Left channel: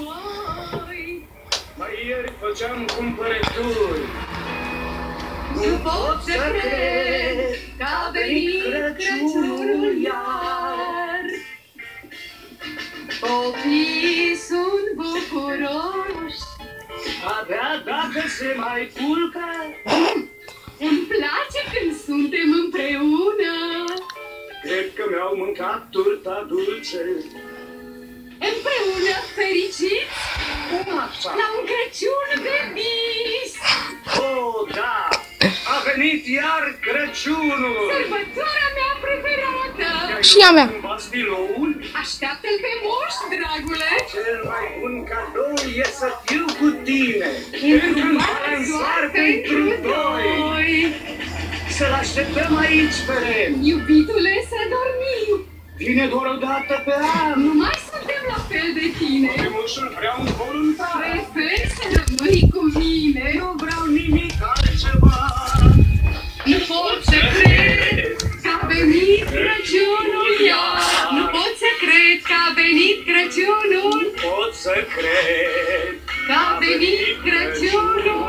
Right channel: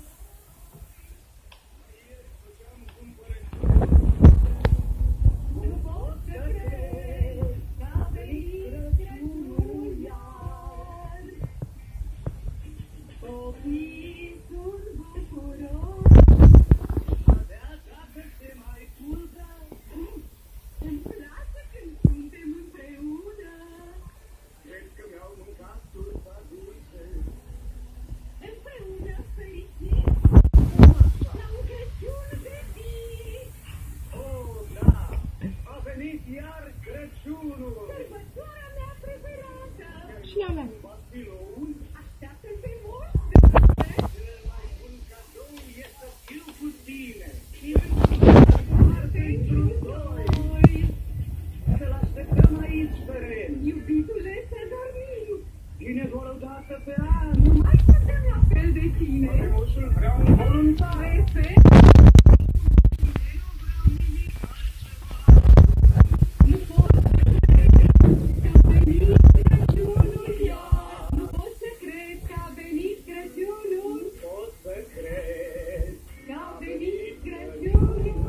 voi. Mai ieri făceam cumpărături. Nu pot să cred că a venit Crăciunul iar. Copiii sunt bucuroși. Abia dacă se mai culcă. Îmi place când suntem împreună. Cred că mi-au mâncat turta dulce. Împreună fericiți Cum așa? la un Crăciun de vis. Oh, da! A venit iar Crăciunul! Sărbătoarea mea preferată. Și a mea. Bastiloul? Așteaptă-l pe moș, dragule. Cel mai bun cadou e să fiu cu tine. Într-un Doar pentru doi. Să-l așteptăm aici pe Ren. Iubitule, să dormim. Vine doar o dată pe an. Nu mai suntem la fel de tine. Moșul vrea un voluntar. Prefer să rămâi cu mine. Nu vreau nimic altceva. Nu pot să cred că a venit Crăciunul iar. Nu pot să cred că a venit Crăciunul. Pot să cred Că a venit Crăciunul